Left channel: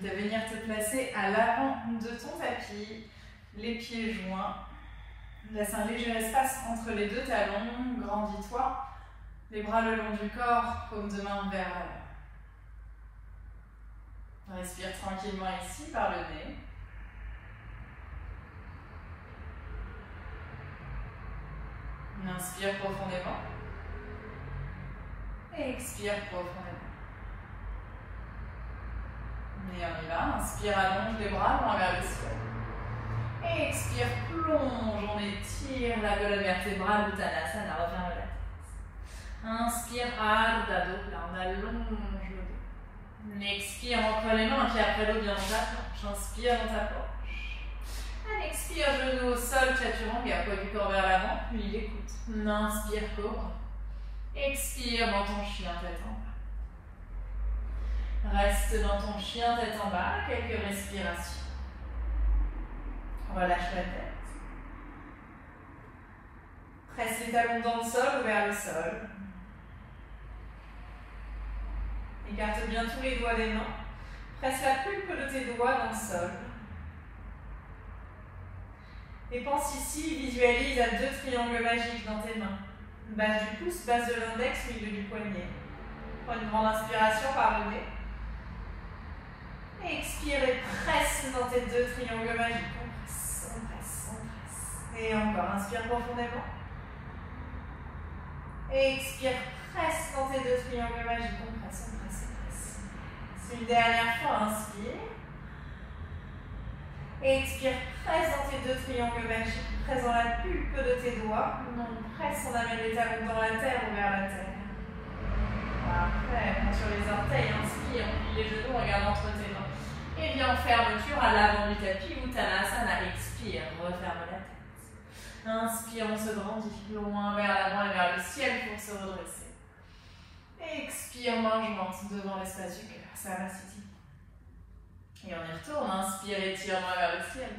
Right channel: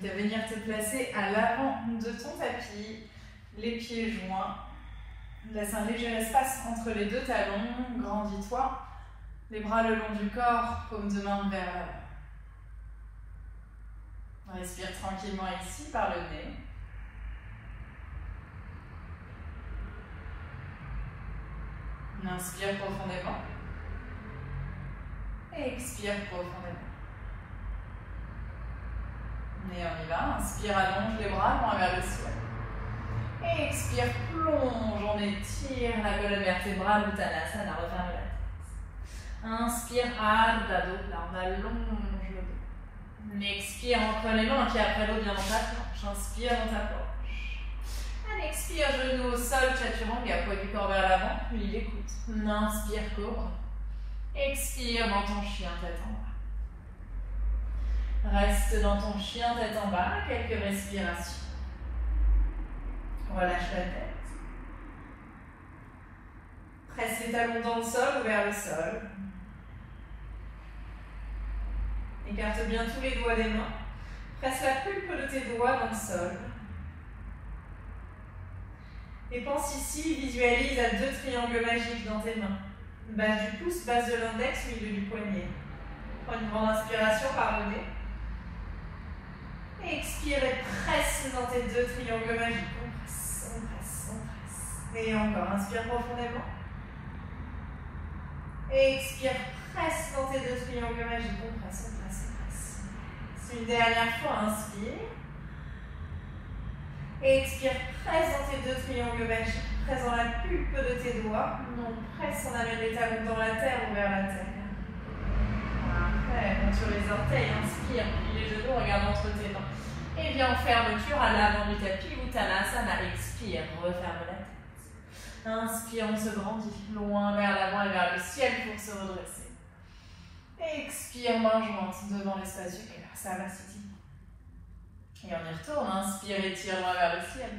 t'invite à venir te placer à l'avant de ton tapis, les pieds joints. Laisse un léger espace entre les deux talons, grandis-toi. Les bras le long du corps, paume de main vers l'avant. Respire tranquillement ici par le nez. Inspire profondément. Et expire profondément. Et on y va. Inspire, allonge les bras, loin vers le ciel. Et expire, plonge, on étire la colonne vertébrale, Uttanasana, referme la tête. Inspire, Ardha Dopla, on allonge le dos. Expire, entre les mains, un pied après l'autre, bien dans ta planche. Inspire dans ta planche. Allez, expire, genou au sol, Chaturanga, poids du corps vers l'avant, puis il écoute. Inspire, cobra. Expire dans ton chien, tête en bas. Reste dans ton chien, tête en bas, quelques respirations. Relâche la tête. Presse les talons dans le sol ou vers le sol. Écarte bien tous les doigts des mains. Presse la pulpe de tes doigts dans le sol. Et pense ici, visualise à 2 triangles magiques dans tes mains. Base du pouce, base de l'index, milieu du poignet. Prends une grande inspiration par le nez. Et expire et presse dans tes 2 triangles magiques. On presse, on presse, on presse. Et encore, inspire profondément. Et expire, presse dans tes 2 triangles magiques. On presse, on presse, on presse. C'est une dernière fois, inspire. Et expire, presse dans tes 2 triangles magiques. Presse dans la pulpe de tes doigts. On presse, on amène les talons dans la terre ou vers la terre. Après, monte sur les orteils, inspire, plie les genoux, regarde entre tes mains. Et viens en fermeture à l'avant du tapis, Uttanasana, expire, referme la tête. Inspire, on se grandit, loin vers l'avant et vers le ciel pour se redresser. Expire, main jointe devant l'espace du cœur, Samasthiti. Et on y retourne, inspire, étire vers le ciel.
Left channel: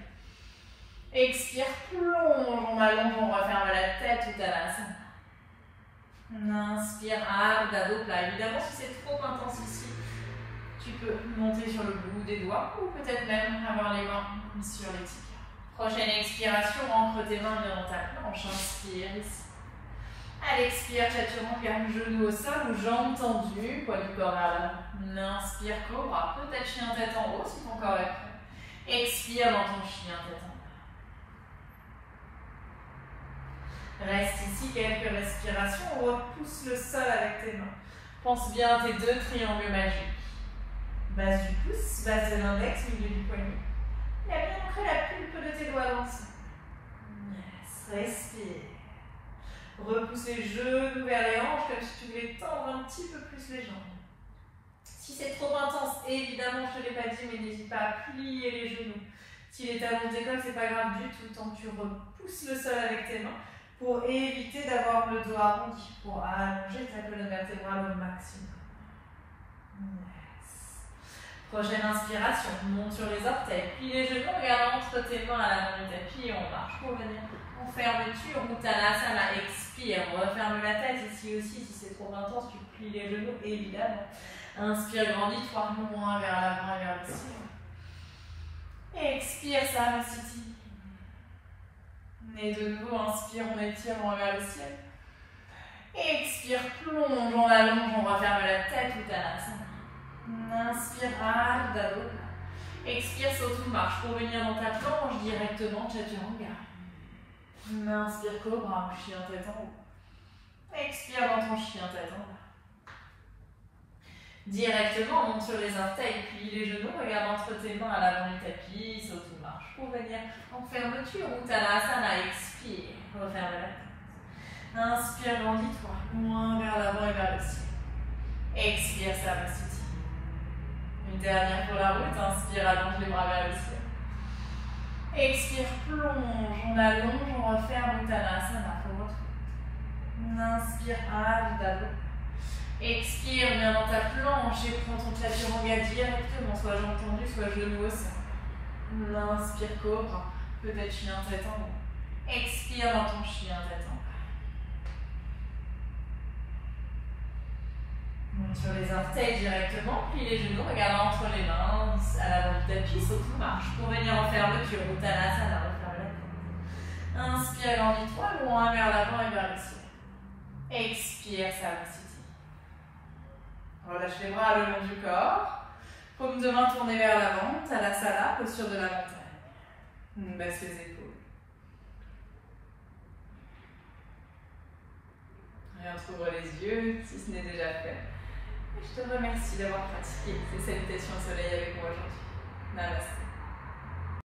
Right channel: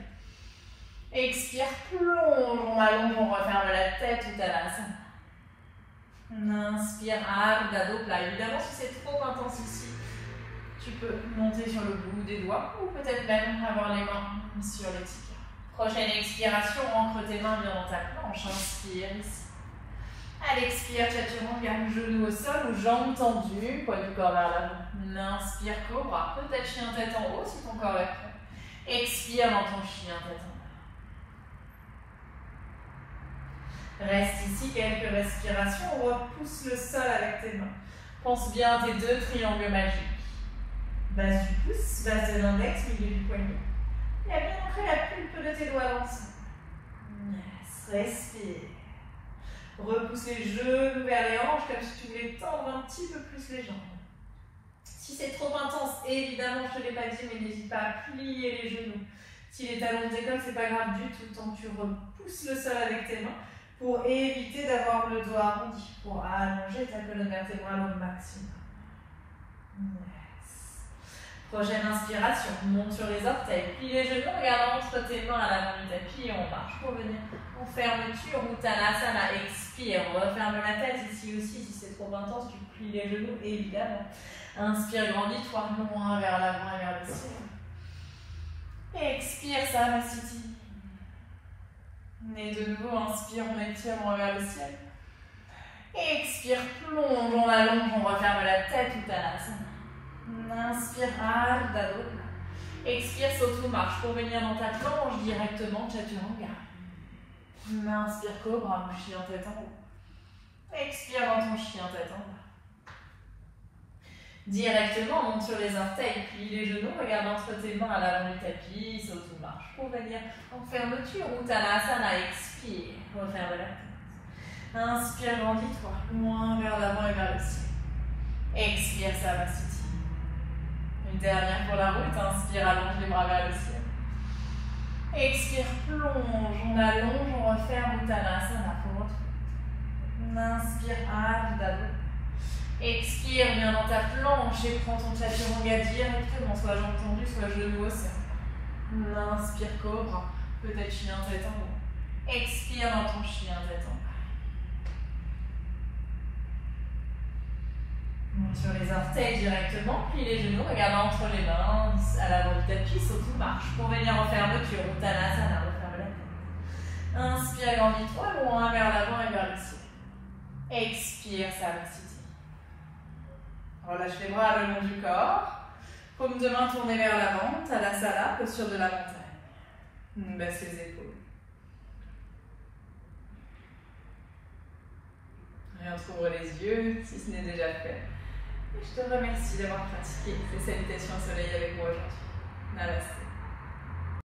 Expire, plonge, on allonge, on referme la tête, Uttanasana. Inspire, Ardha Dopla. Évidemment, si c'est trop intense ici, tu peux monter sur le bout des doigts ou peut-être même avoir les mains sur les tibias. Prochaine expiration, ancre tes mains bien dans ta planche. Inspire ici. À l'expire, Chaturanga, genou au sol ou jambes tendues, poids du corps vers l'avant. Inspire, cobra. Peut-être chien tête en haut si ton corps est prêt. Expire dans ton chien tête en bas. Reste ici quelques respirations, repousse le sol avec tes mains. Pense bien à tes 2 triangles magiques. Base du pouce, base de l'index, milieu du poignet. Et bien ancré la pulpe de tes doigts dans le sol. Yes, respire. Repousse les genoux vers les hanches comme si tu voulais tendre un petit peu plus les jambes. Si c'est trop intense, évidemment, je ne te l'ai pas dit, mais n'hésite pas à plier les genoux. Si les talons décollent, c'est pas grave du tout, tant que tu repousses le sol avec tes mains pour éviter d'avoir le dos arrondi, pour allonger ta colonne vertébrale au maximum. Yes. Prochaine inspiration, monte sur les orteils, plie les genoux, regarde entre tes mains à l'avant du tapis et on marche pour venir en fermeture. Uttanasana, expire, on referme la tête ici aussi, si c'est trop intense, tu plies les genoux évidemment. Inspire, grandis-toi, loin vers l'avant et vers le ciel. Expire, Samasthiti. Et de nouveau, inspire, on étire, on va vers le ciel. Expire, plonge, on allonge, on referme la tête, Uttanasana. Inspire, Ardha Dopla. Expire, saute ou marche pour venir dans ta planche directement, Chaturanga. Inspire, cobra, chien tête en haut. Expire dans ton chien tête en bas. Directement, monte sur les orteils, plie les genoux, regarde entre tes mains à l'avant du tapis, saute ou marche pour venir en fermeture. Uttanasana, expire, referme la tête. Inspire, grandis-toi, loin vers l'avant et vers le ciel. Expire, Samasthiti. Une dernière pour la route, inspire, allonge les bras vers le ciel. Expire, plonge, on allonge, on referme Uttanasana pour retrouver. Inspire, Ardha Dopla. Expire, viens dans ta planche et prends ton Chaturanga directement, soit jambes tendues, soit genoux au sol. Inspire, cobra, peut-être chien tête en haut. Expire dans ton chien tête en bas. Monte sur les orteils directement, plie les genoux, regarde entre les mains, à la du tapis, saute ou marche. Pour venir en fermeture, Uttanasana, referme la tête. Inspire, grandis-toi, loin vers l'avant et vers le ciel. Expire, Samasthiti. Relâche les bras le long du corps. Paume de main tournée vers l'avant, Tadasana, posture de la montagne. Baisse les épaules. Et on ouvre les yeux, si ce n'est déjà fait. Et je te remercie d'avoir pratiqué ces salutations au soleil avec moi aujourd'hui. Namaste.